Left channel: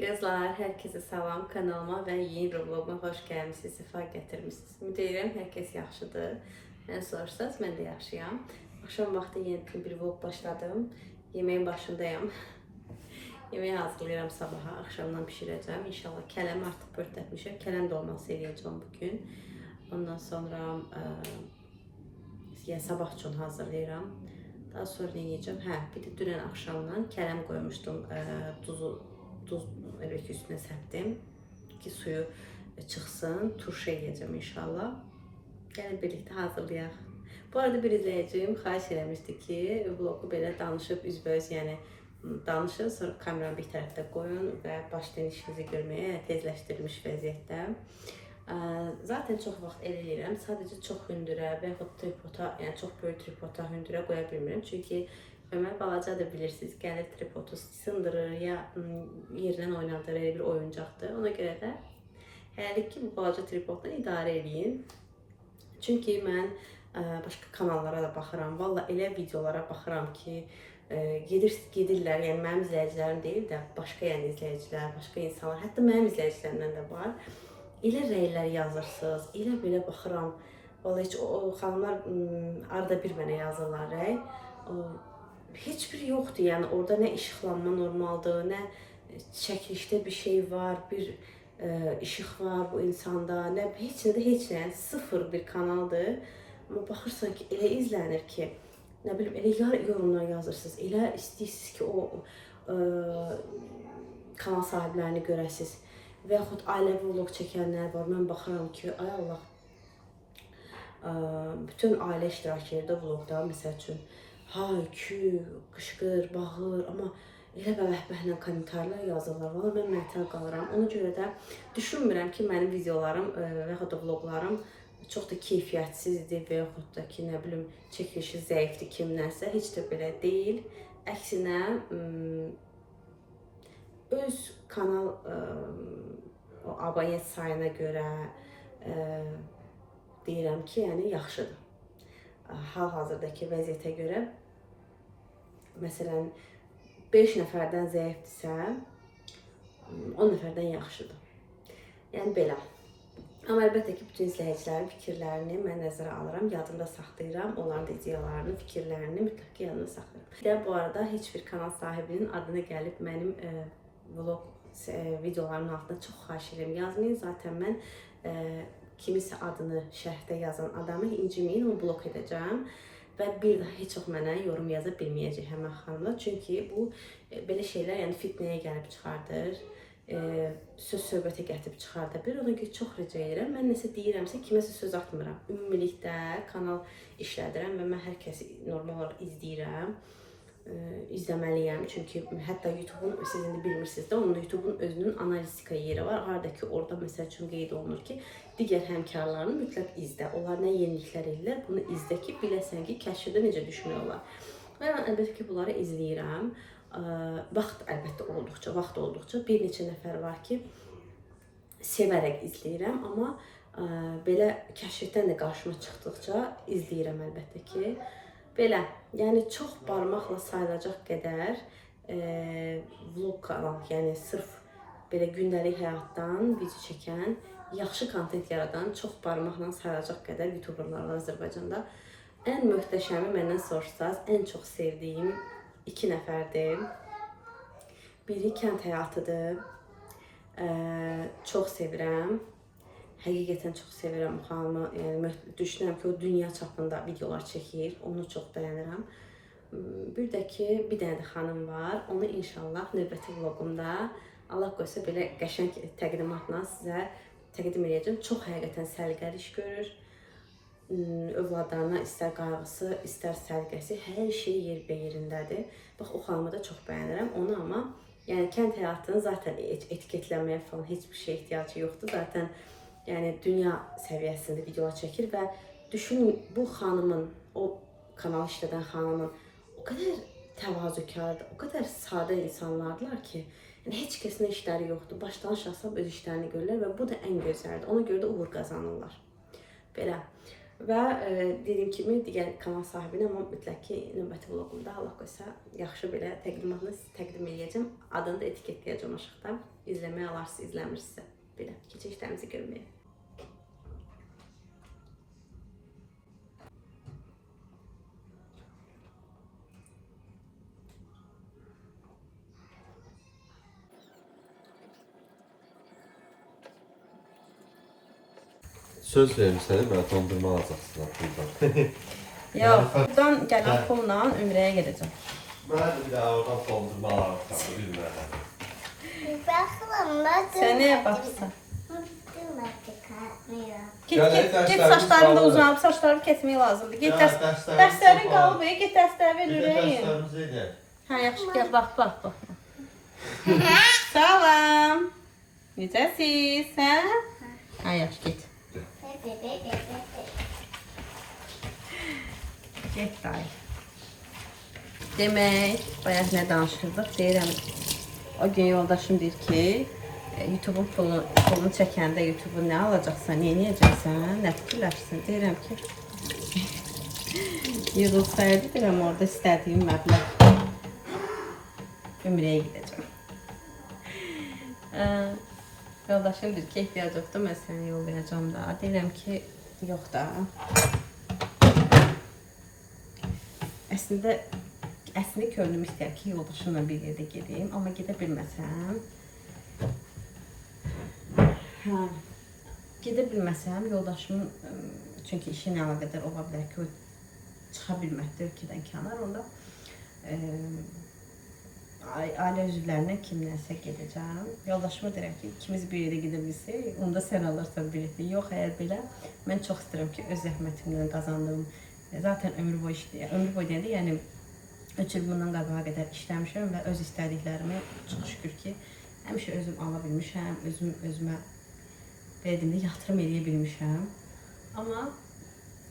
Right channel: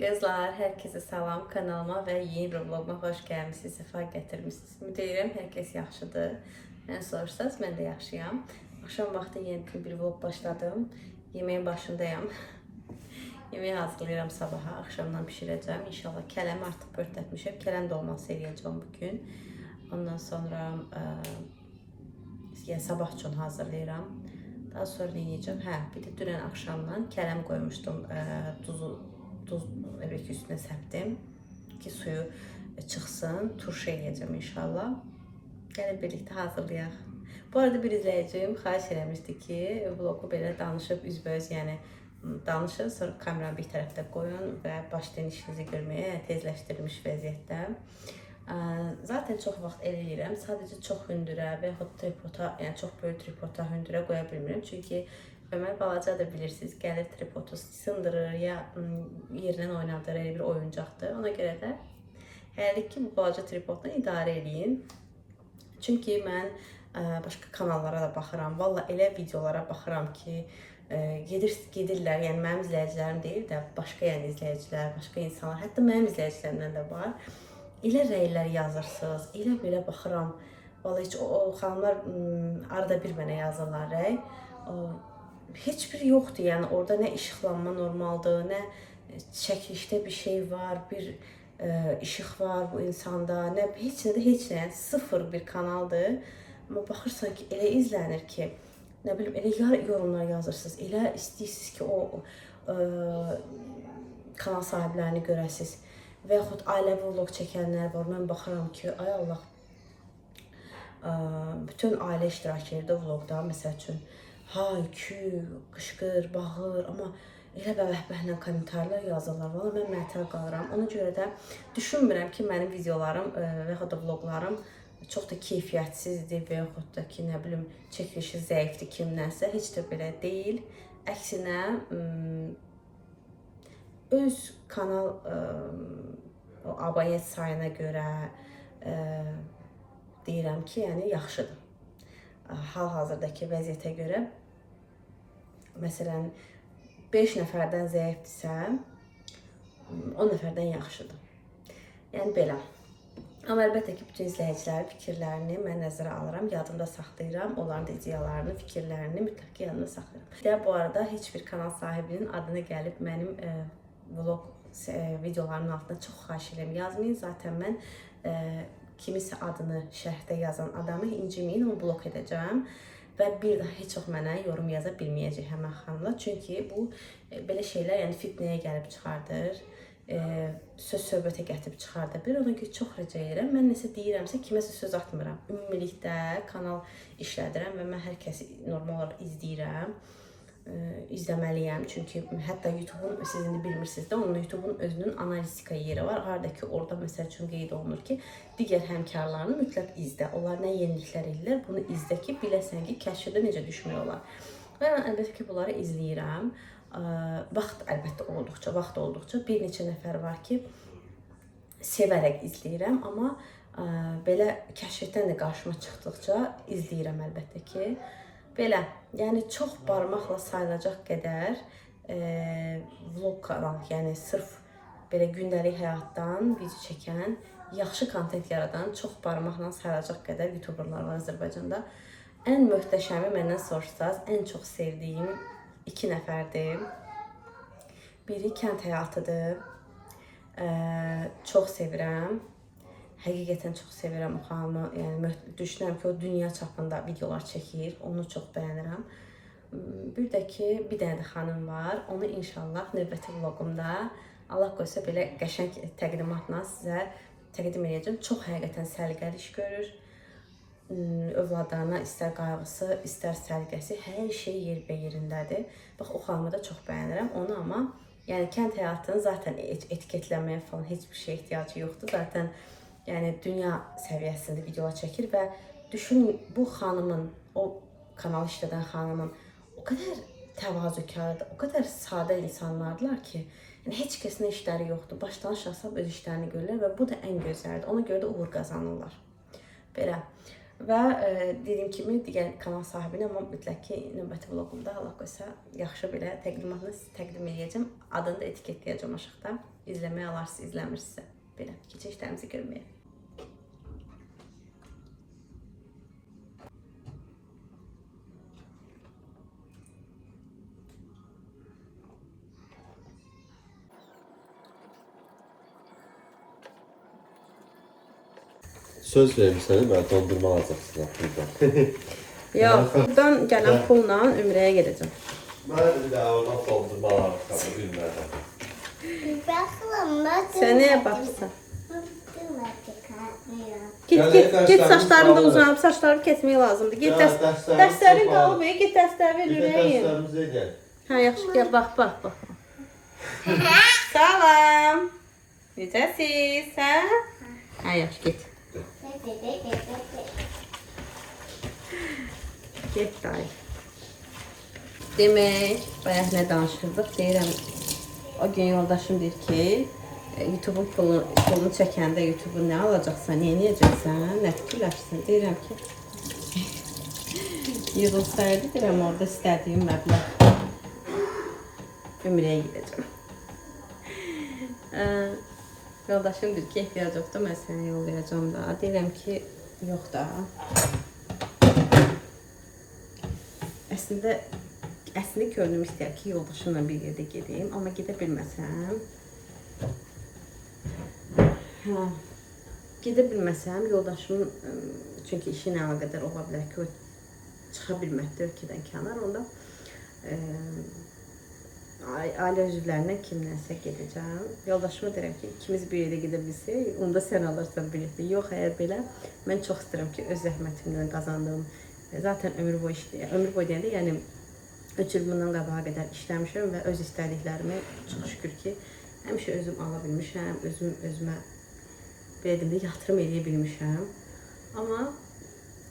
Kızlar, herkese salam kanalıma ve yeni bir vloguma hoş gelmişsiniz, sefa getirmişsiniz. Ümid edirəm herkes yaxşıdır. Mən soruşsaz, mən də yaxşıyam. Akşam vaxtı yeni bir vlog başladım. Yemeğin başındayım. Yemeği hazırlayıram sabaha, akşamdan pişirəcəm. İnşallah kələmi artıq pörtletmişim. Kələm dolması eləyəcəm bugün. Ondan sonra yəni sabah üçün hazırlayıram. Daha sonra ne yiyeceğim? Bir de dünən akşamdan kələm koymuştum. Duz üstüne serptim ki suyu çıksın. Turşu eləyəcəm inşallah. Gəlin birlikte hazırlayaq. Bu arada bir izləyicim xahiş eləmişdi ki, vlogu belə danışıb üzbəüz, yəni danışır, sonra kameranı bir tərəfdə qoyun və başlayın işinizi görməyə tezləşdirilmiş vəziyyətdə. Zaten çox vaxt eləyirəm. Sadəcə çox hündürə və yaxud tripoda, yəni çox böyük tripoda hündürə qoya bilmirəm. Çünki Ömər balacadır, bilirsiniz. Gəlir tripodu sındırır ya yerindən oynadır, elə bir oyuncaqdır. Ona görə də hələlik ki bu balaca tripodla idarə eləyin. Çünki mən başqa kanallara da baxıram. Valla elə videolara baxıram ki, gedirlər, yəni mənim izləyicilərim deyil də, başqa yəni izləyicilər, başqa insanlar, hətta mənim izləyicilərimdən də var. Elə rəylər yazırsınız, elə belə baxıram. Vallahi heç o xanımlar arada bir mənə yazırlar rəy. Heç bir yoxdur, yəni orada nə işıqlanma normaldır, nə çəkilişdə bir şey var, bir işıq var bu insanda, nə heç nə də heç nə, yəni sıfır bir kanaldır. Amma baxırsan ki, elə izlənir ki, nə bilim, elə yorumlar yazırsınız, elə istəyirsiniz ki, o kanal sahiblərini görəsiniz. Və yaxud ailəvi vlog çəkənlər var, mən baxıram ki, ay Allah, bütün ailə iştirak edir vlogda, məsəl üçün, hay, küy, qışqır, bağır, amma elə bəbəhbəhlə komentarlar yazırlar. Valla mən məhtəl qalıram. Ona görə də düşünmürəm ki, mənim videolarım və yaxud da vloglarım çox da keyfiyyətsizdir və yaxud da ki, nə bilim, çəkilişi zəifdir kimdənsə. Heç də belə deyil. Əksinə, öz kanal o abonent sayına görə deyirəm ki, yəni yaxşıdır. Hal-hazırdakı vəziyyətə görə, məsələn, 5 nəfərdən zəifdirsə, 10 nəfərdən yaxşıdır. Yəni belə. Amma əlbəttə ki, bütün izləyicilərin fikirlərini mən nəzərə alıram, yadımda saxlayıram. Onların da ideyalarını, fikirlərini mütləq ki, yadımda saxlayıram. Bir də bu arada heç bir kanal sahibinin adına gəlib mənim vlog videolarımın altına çox xahiş edirəm yazmayın. Zaten mən kimisə adını şərhdə yazan adamı inciməyin, onu blok edəcəm. Və bir daha heç çox mənə yorum yaza bilməyəcək həmən xanımlar. Çünki bu belə şeylər yəni fitnəyə gəlib çıxardır, söz-söhbətə gətirib çıxardır. Bir ona görə çox rica edirəm. Mən nəsə deyirəmsə kiməsə söz atmıram. Ümumilikdə kanal işlədirəm və mən hər kəsi normal olaraq izləyirəm. İzləməliyəm. Çünki hətta YouTube'un, siz indi bilmirsiniz də, onun YouTube'un özünün analistika yeri var. Harada ki, orada məsəl üçün qeyd olunur ki, digər həmkarlarını mütləq izlə. Onlar nə yeniliklər edirlər, bunu izlə ki, biləsən ki, kəşfdə necə düşmək olar. Və mən əlbəttə ki, bunları izləyirəm. Vaxt olduqca bir neçə nəfər var ki, sevərək izləyirəm, amma belə kəşfdən də qarşıma çıxdıqca izləyirəm əlbəttə ki. Belə, yəni çox barmaqla sayılacaq qədər vlog kanal, yəni sırf belə gündəlik həyatdan video çəkən, yaxşı kontent yaradan çox barmaqla sayılacaq qədər YouTuberlar var Azərbaycanda. Ən möhtəşəmi məndən soruşsaz, ən çox sevdiyim 2 nəfərdir. Biri kənd həyatıdır. Çox sevirəm. Həqiqətən çox sevirəm o xanımı. Yəni, düşünürəm ki, o dünya çapında videolar çəkir. Onu çox bəyənirəm. Bir də ki, bir dənə də xanım var. Onu inşallah növbəti vlogumda Allah qoysa belə qəşəng təqdimatla sizə təqdim edəcəm. Çox həqiqətən səliqəli iş görür. Övladlarına istər qayğısı, istər səliqəsi, hər şey yerindədir. Bax, o xanımı da çox bəyənirəm. Onu amma, yəni kənd həyatını zaten etiketləməyə falan heç bir şey ehtiyacı yoxdur. Zaten yəni dünya səviyyəsində videolar çəkir və düşünün, bu xanımın, o kanal işlədən xanımın o qədər təvazökardır, o qədər sadə insanlardılar ki, yəni heç kəsin işləri yoxdur. Başdan aşağı öz işlərini görürlər və bu da ən gözəldir. Ona görə də uğur qazanırlar. Belə. Və dediyim kimi digər kanal sahibinə, amma mütləq ki, növbəti vloqumda Allah qoysa yaxşı belə təqdimatını təqdim edəcəm. Adını da etiketləyəcəm aşağıda. İzləməyə alarsınız, izləmirsinizsə belə keçişlərimizi görməyə. Söz vermişsiniz, mən dondurma alacaqsınız buradan. Yox, buradan gələn pulla Ümrəyə gedəcəm. Mən bir daha oradan dondurma alacaqsınız, bilmirəm. Sən nəyə baxırsan? Git saçlarını da uzanıb, saçları kesmək lazımdır. Get dərslərin qalıb, get dərslərin ürəyin. Dərslərimizi edək. Hə, yaxşı, gəl, bax. Salam. Necəsiz, hə? Hə, yaxşı, get. Get dayı. Demək, bayaq nə danışırdıq? Deyirəm, o gün yoldaşım deyir ki, YouTube'un pulunu çəkəndə YouTube'u nə alacaqsan, nə edəcəksən, nə fikirləşsin? Deyirəm ki, yığılsaydı, deyirəm, orada istədiyim məbləğ Ümrəyə gedəcəm. Yoldaşım deyir ki, ehtiyac yoxdur, mən sənə yol verəcəm da. Deyirəm ki, yox da. Əslində könlüm istəyər ki, yoldaşımla bir yerdə gedeyim, amma gedə bilməsəm, yoldaşımın, çünki işi ilə əlaqədar ola bilər ki, o çıxa bilməkdə ölkədən kənar, onda ailə üzvlərinə kimlənsə gedəcəm. Yoldaşıma deyirəm ki, ikimiz bir yerdə gedə bilsək, onda sən alırsan bileti. Yox, əgər belə, mən çox istəyirəm ki, öz zəhmətimdən qazandığım, zaten ömür boyu deyəndə, yəni 3 il bundan qabağa qədər işləmişəm və öz istədiklərimi çox şükür ki, həmişə özüm ala bilmişəm, özümə belə deyəndə yatırım eləyə bilmişəm. Amma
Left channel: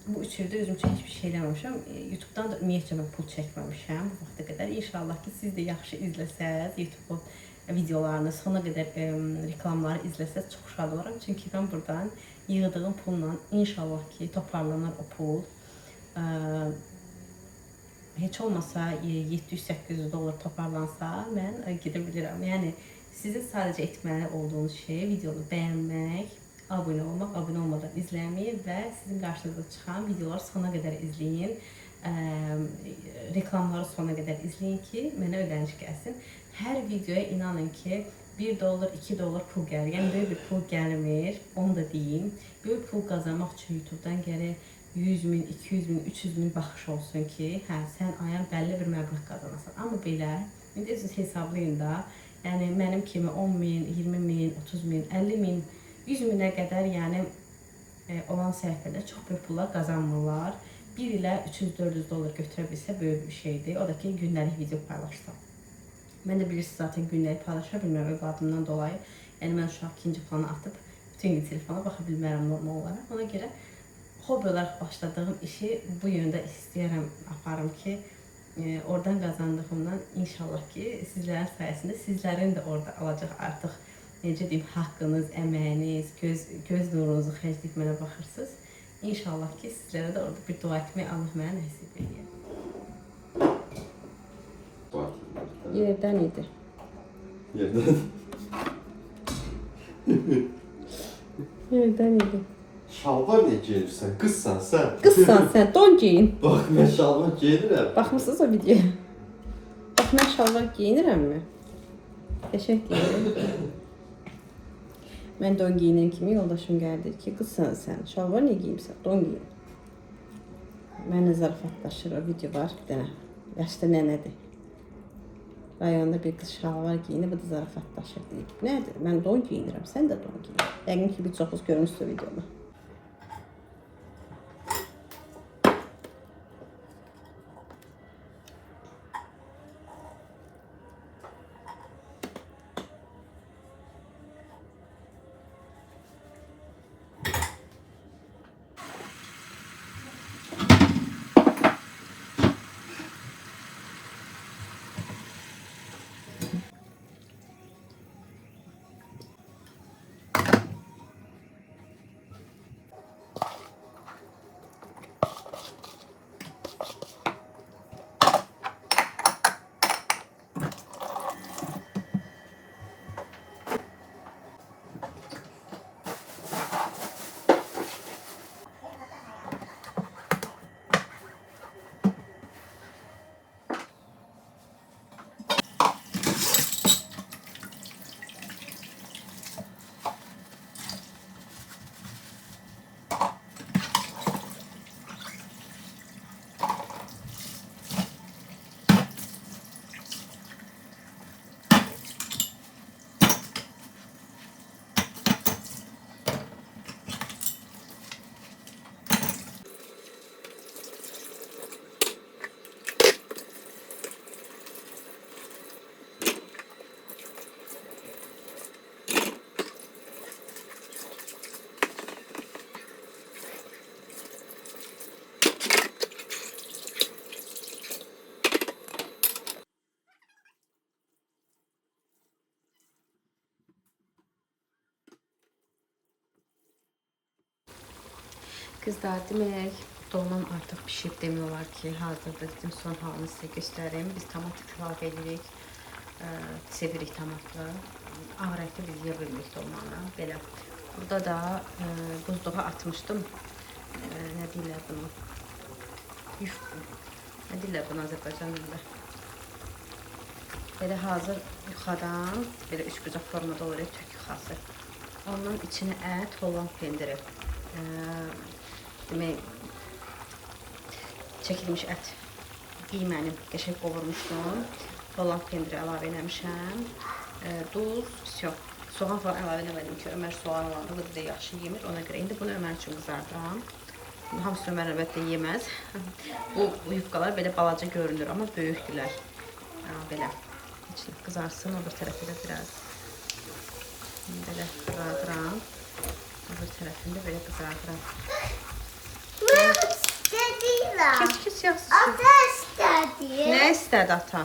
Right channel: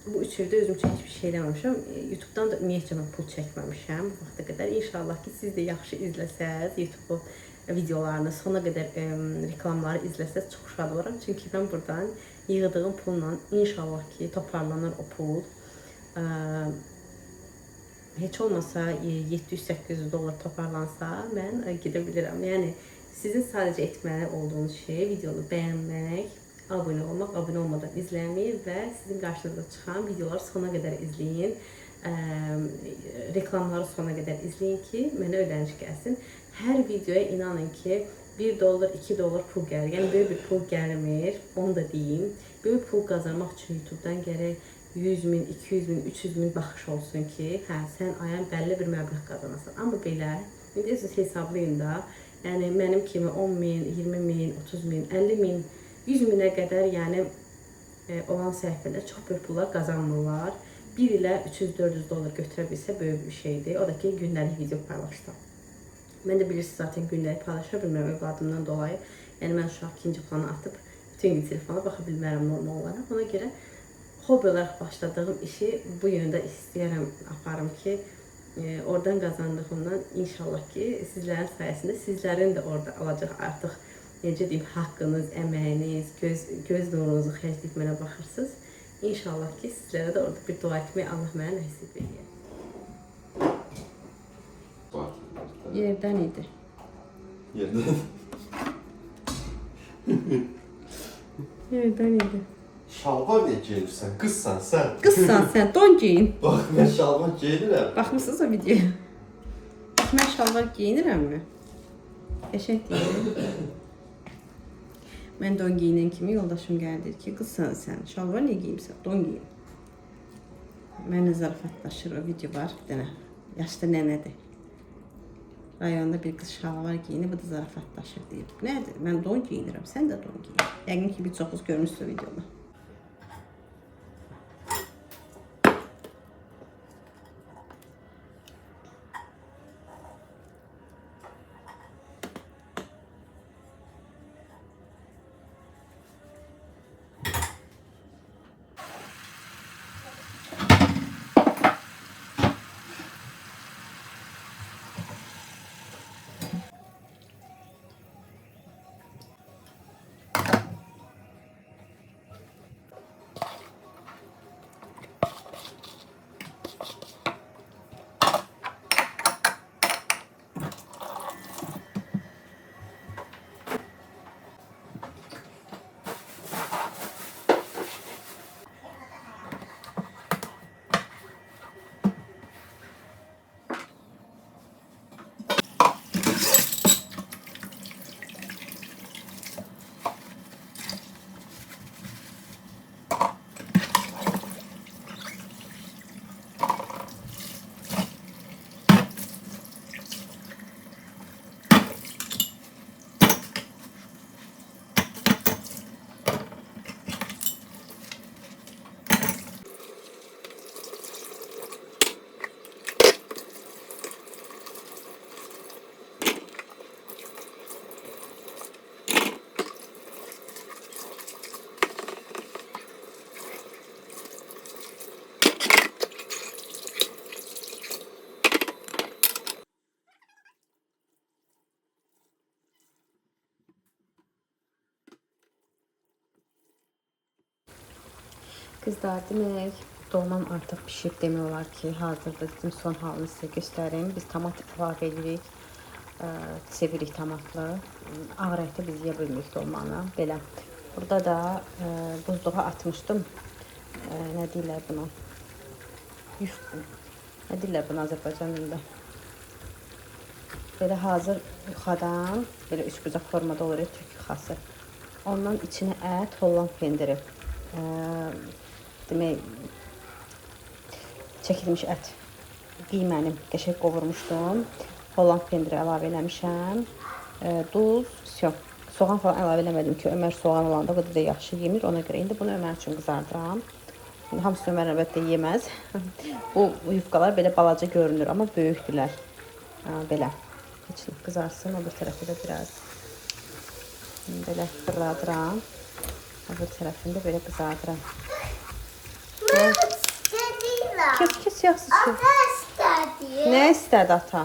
bu 3 ildə özüm üçün heç bir şey eləməmişəm. YouTube'dan da ümumiyyətcə mən pul çəkməmişəm bu vaxta qədər. İnşallah ki, siz də yaxşı izləsəz, YouTube videolarını, sona qədər reklamları izləsəz çox şad oluram. Çünki mən buradan yığdığım pulla inşallah ki, toparlanar o pul. Heç olmasa 700-800 dollar toparlansa mən gedə bilirəm. Yəni, sizin sadəcə etməli olduğunuz şey videonu bəyənmək, abunə olmaq, abunə olmadan izləməyin və sizin qarşınıza çıxan videoları sona qədər izləyin. Reklamları sona qədər izləyin ki, mənə ödəniş gəlsin. Hər videoya inanın ki, 1 dollar, 2 dollar pul gəlir. Yəni, böyük bir pul gəlmir, onu da deyim. Böyük pul qazanmaq üçün YouTube'dan gərək 100.000, 200.000, 300.000 baxış olsun ki, sən ayın bəlli bir məbləğ qazanasan. Amma belə, indi siz hesablayın da, yəni mənim kimi 10.000, 20.000, 30.000, 50.000, 100.000-ə qədər yəni olan səhifələr çox böyük pullar qazanmırlar. 1 ilə 300-400 dollar götürə bilsə böyük bir şeydir. O da ki, gündəlik video paylaşsam. Mən də bilirsiniz, zaten gündəlik paylaşa bilmirəm övladımdan dolayı. Yəni, mən uşaq ikinci plana atıb bütün gün telefona baxa bilmərəm normal olaraq. Ona görə hobi olaraq başladığım işi bu yöndə istəyərəm aparım ki, oradan qazandığımdan inşallah ki, sizlərin sayəsində sizlərin də orada alacaq artıq, necə deyim, haqqınız, əməyiniz, göz nurunuzu xərcləyib mənə baxırsınız. İnşallah ki, sizlərə də orada bir dua etmək Allah mənə nəsib edir. Yerdən idi. Yerdən? Yerdən idi. Şalvar niyə geyinirsən? Qızsan sən. Qızsan sən, don giyin. Bax, mən şalvar geyinirəm. Baxmısınız o videoya? Bax, mən şalvar giyinirəmmi? Qəşəng deyil. Mən don giyinən kimi yoldaşım gəldi ki, qızsan sən, şalvar niyə giyimsən? Don giyin. Mənə zarafatlaşır, o video var bir dənə. Yaşlı nənədir. Rayonda bir qız şalvar giyinir, bu da zarafatlaşır deyir. Nədir? Mən don giyinirəm, sən də don giyin. Yəqin ki, bir çoxuz görmüşsünüz o videoda. Qızlar, demək, dolmam artıq pişib demək olar ki, hazırda dedim, son halını sizə göstərim. Biz tomat əlavə edirik, sevirik tomatlı. Ağ rəngdə biz yeyə bilmirik dolmanı, belə. Burada da buzluğa atmışdım. Nə deyirlər buna? Nə deyirlər buna Azərbaycan dilində? Belə hazır yuxadan, belə üçbucaq formada olur, Türk yuxası. Ondan içine ət, Holland pendiri. Demək, çəkilmiş ət. Qiymənim qəşəng qovurmuşdum. Holland pendiri əlavə eləmişəm. Duz, всё. Soğan falan əlavə eləmədim ki, Ömər soğan olanda bu da yaxşı yemir. Ona görə indi bunu Ömər üçün qızardıram. Hamısı Ömər əlbəttə yeməz. Bu yufqalar belə balaca görünür, amma böyükdülər. Belə. Qızarsın, o bir tərəfi də biraz. Belə fırladıram. Öbür tərəfində belə qızardıram. Keç yaxşı şey. Ata istədi. Nə istədi ata?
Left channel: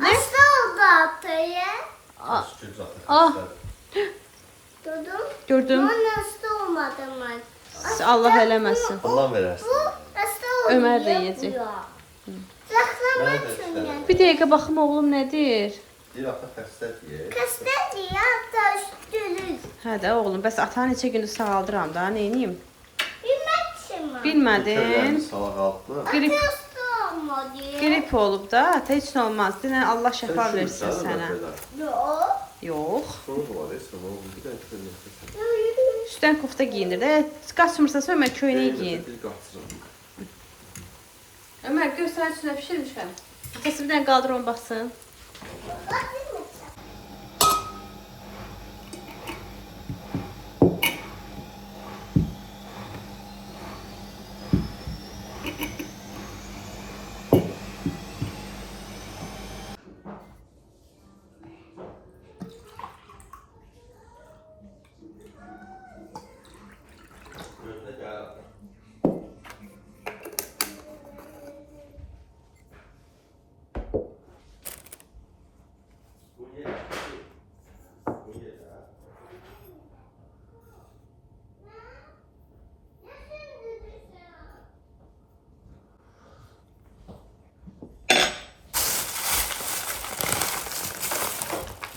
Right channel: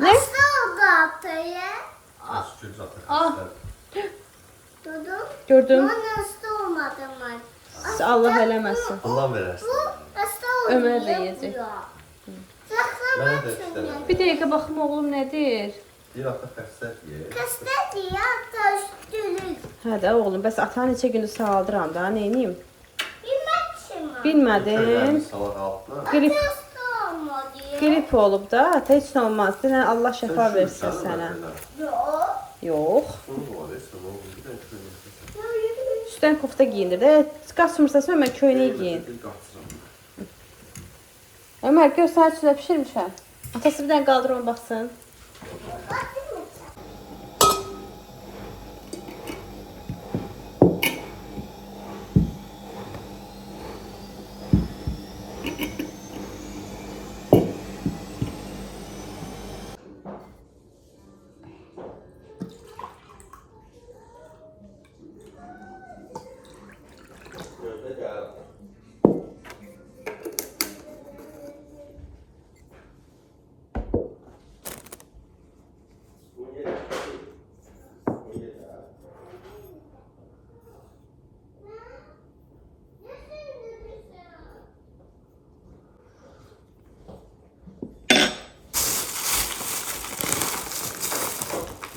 Hasta oldu atayı. Şükür zaten. Duydun? Gördüm. Ben hasta olmadım ben. Allah eləməsin. Ondan verersin. Bu hasta oldu. Ömer de yiyecek. Ben de istedim. Bir dəqiqə baxım oğlum nədir? Bir hafta kastet ye. Hasta diye hasta üstünüz. Hə də oğlum, bəs ata neçə gündür sağaldıram da, nə edeyim? Bilmek için mi? Bilmədin. Salak altına. Grip, Hasta olmadı. grip olub da, ata heç nə olmaz. Denən Allah şəfa versin sənə. Yok. Yox. Sonu var, sonu var. Bir de şöyle. Üstdən kofta giyindir də, qaçmırsansa Ömər köynəyi giyin. Bir qaçsın. Ömər, gör sənə üstünə pişirmişəm. Atası bir dənə qaldır onu baxsın. Böyle gel.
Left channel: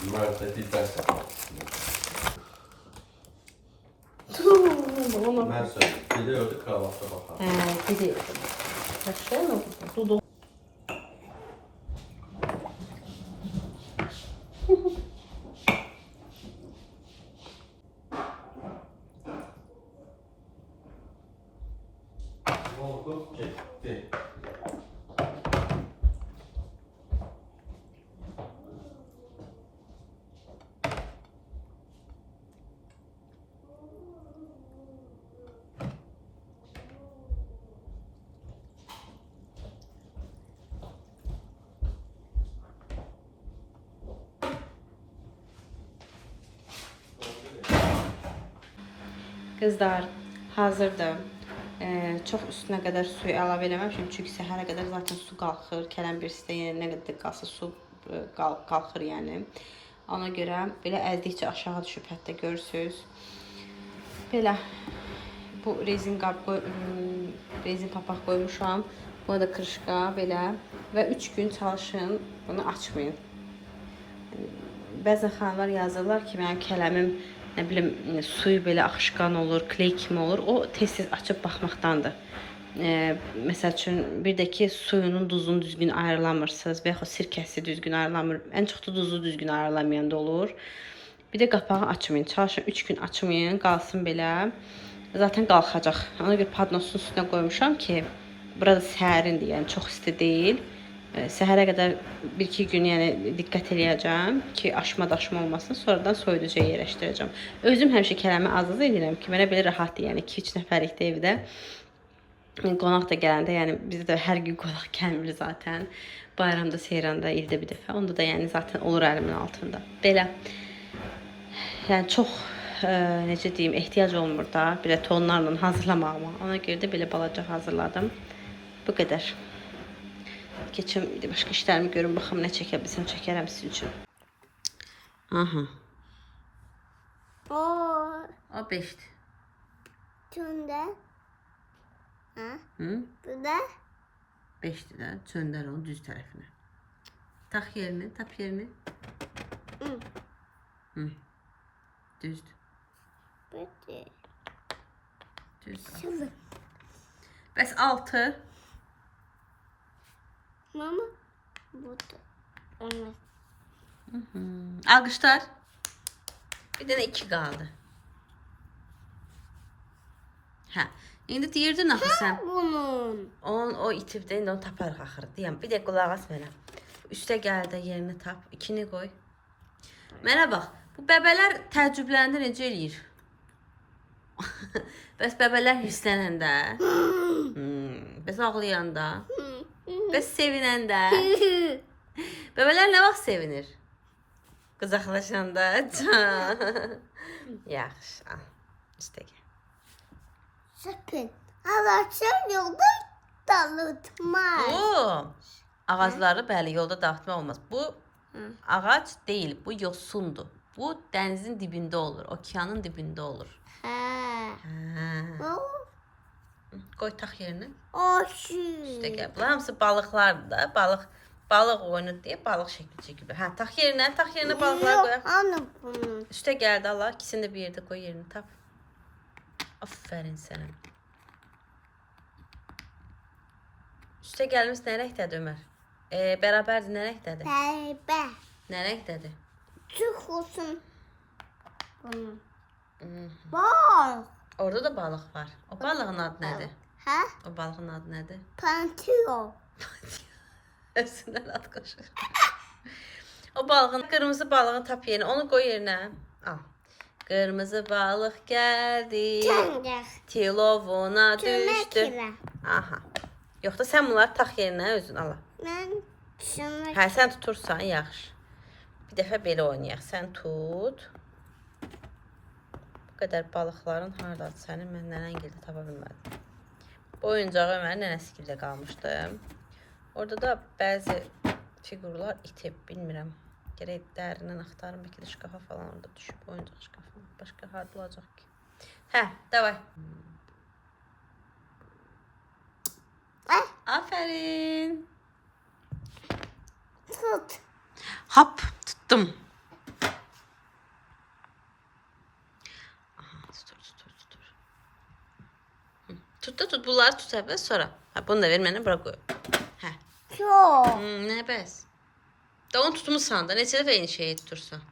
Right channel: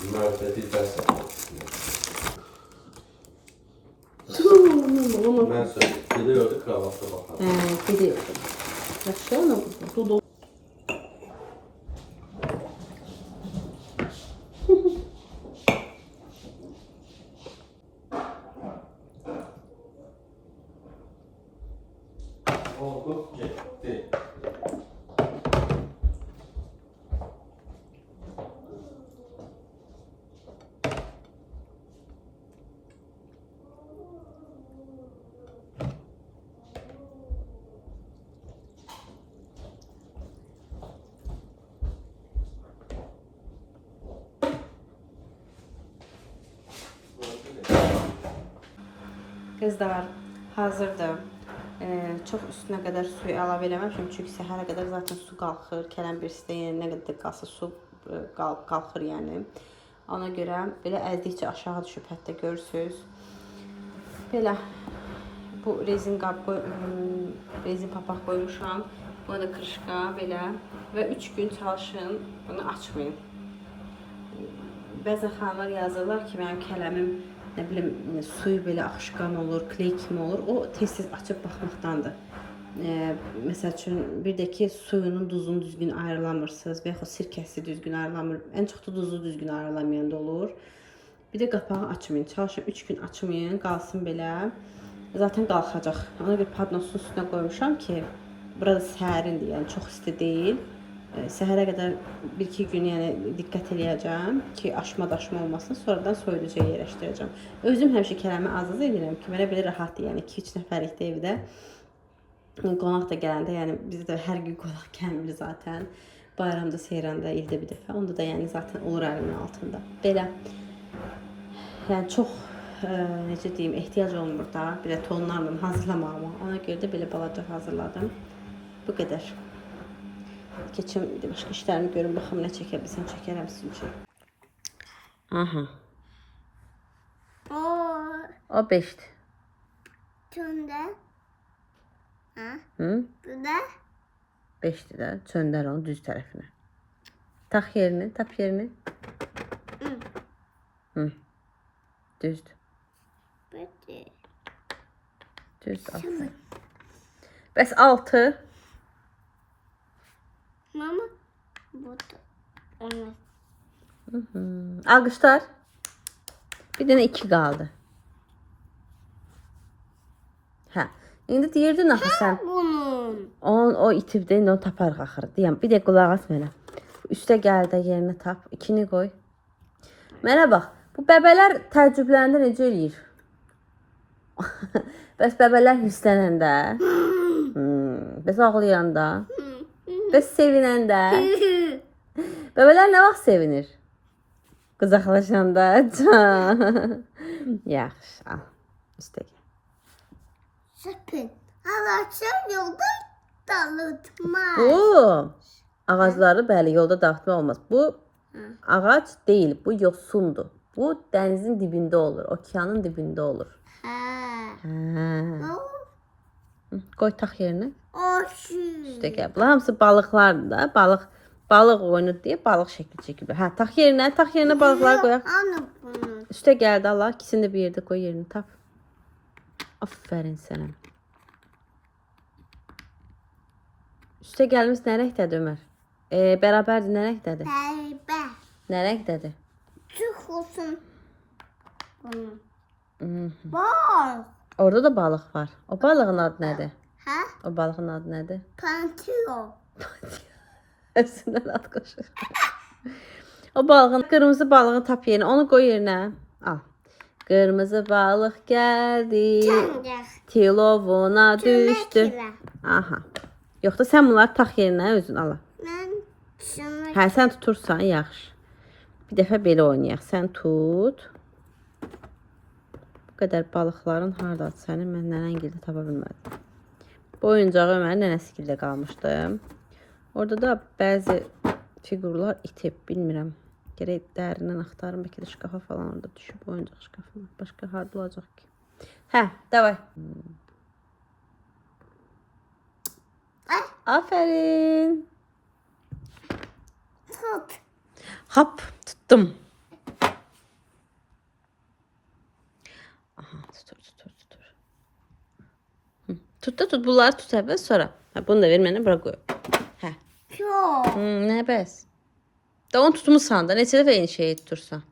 Bunlar da bir ders yapmak istiyor. Ben söyleyeyim. Biliyordu kahvaltı bakalım. Biliyorum. Sonra dudu. Oldu, gitti. Qızlar, hazırdır. Çox üstünə qədər suyu əlavə eləməmişəm, çünki səhərə qədər zaten su qalxır. Kələm birisi də nə qədər qalsa su qalxır yəni. Ona görə belə əzdikcə aşağı düşüb, hətta görürsünüz. Belə bu rezin qab rezin papaq qoymuşam. Bu da krışqa belə və 3 gün çalışın, bunu açmayın. Bəzən xanımlar yazırlar ki, mənim kələmim nə bilim suyu belə axışqan olur, kley kimi olur. O tez-tez açıb baxmaqdandır. Məsəl üçün bir də ki, suyunun duzunu düzgün ayrılamırsınız və yaxud sirkəsi düzgün ayrılamır. Ən çox da duzu düzgün ayrılamayan da olur. Bir də qapağı açmayın. Çalışın 3 gün açmayın, qalsın belə. Zaten qalxacaq. Ona görə padnosun üstünə qoymuşam ki, burada sərindir, yəni çox isti deyil. Səhərə qədər 1-2 gün yəni diqqət eləyəcəm ki, aşma-daşma olmasın. Sonradan soyuducuya yerləşdirəcəm. Özüm həmişə kələmi az edirəm ki, mənə belə rahatdır. Yəni 2-3 nəfərlikdə evdə qonaq da gələndə, yəni bizdə hər gün qonaq gəlmir zaten. Bayramda, seyranda, ildə bir dəfə. Onda da yəni zaten olur əlimin altında. Belə. Yəni çox necə deyim, ehtiyac olmur da belə tonlarla hazırlamağıma. Ona görə də belə balaca hazırladım. Bu qədər. Keçim başqa işlərimi görüm, baxım nə çəkə bilsəm çəkərəm sizin üçün. Aha. O 5'dir. Tünde. Ha? Hı? Burada. 5'dir də. Çöndər onu düz tərəfinə. Tax yerini, tap yerini. Hı. Hı. Düzdür. Böyle. Düzdür. Tamam. Bəs 6. Mama. Burada. Olmaz. Alqışlar. Bir dənə 2 qaldı. Hə. İndi deyirdin axı sən. Bunun. O itibdə, indi onu taparıq axırı. Deyəm, bir də qulaq as mənə. Üstə gəl də yerini tap. 2-ni qoy. Mənə bax, bu bəbələr təəccübləndə necə eləyir? Bəs bəbələr hirslənəndə? Bəs ağlayanda? Bəs sevinəndə? Bəbələr nə vaxt sevinir? Qızaqlaşanda. Yaxşı, al. Üstə gəl. Sakın. Ağaçlar yolda dağıtmaz. Bu ağacları bəli yolda dağıtma olmaz. Bu ağac deyil, bu yosundur. Bu dənizin dibində olur, okeanın dibində olur. Ha. Hə. O. Qoy tax yerinə. Oşu. İşte gəl. Bunlar hamısı balıqlardır da. Balıq oyunu deyə balıq şəkli çəkilir. Hə, tax yerinə balıqları qoyaq. Anı bunun. Üstə gəldi Allah, ikisini də bir yerdə qoy yerini tap. Aferin sənə. Üstə gəlmiş nə rəngdədir Ömər? Bərabərdir, nə rəngdədir? Bebe. Nə rəngdədir? Çık olsun. Bunun. Bak. Orada da balıq var. O balığın adı nədir? Ha? O balığın adı nədir? Pantio. Hepsindən ad qoşur. O balığın, qırmızı balığın tap yerinə, onu qoy yerinə. Al. Qırmızı balıq gəldi. Çəngək. Tilovuna düşdü. Tüməklə. Aha. Yox da sən bunları tax yerinə özün al. Mən şunu Hə, sən tutursan yaxşı. Bir dəfə belə oynayaq. Sən tut. Bu qədər balıqların hardadır sənin? Mən nənəngildə tapa bilmədim. Bu oyuncağı Ömərin nənəsigildə qalmışdı. Orada da bəzi figurlar itib, bilmirəm. Gərək dərindən axtarım, bəlkə də şkafa falan orada düşüb, oyuncaq şkafa. Başqa harda olacaq ki? Hə, davay. Aferin. tut. Hop, tuttum. Aha, tutur. Tut da tut, bunları tut əvvəl, sonra. Hə, bunu da ver mənə, bura qoy. Hə. Çok. Nə bəs? Da onu tutmuşsan da, neçə dəfə eyni şeyi tutursan.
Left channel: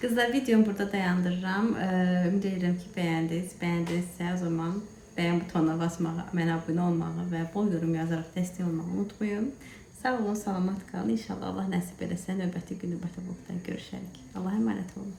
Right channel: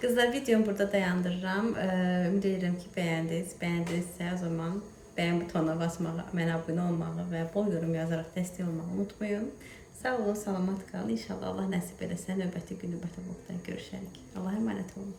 Kızlar, videomu burada dayandırıram. Ümid edirəm ki, bəyəndiniz. Bəyəndinizsə, o zaman bəyən butonuna basmağı, mənə abunə olmağı və bol yorum yazaraq dəstək olmağı unutmayın. Sağ olun, salamat qalın. İnşallah Allah nəsib eləsə, növbəti gün, növbəti vlogda görüşərik. Allah'a emanet olun.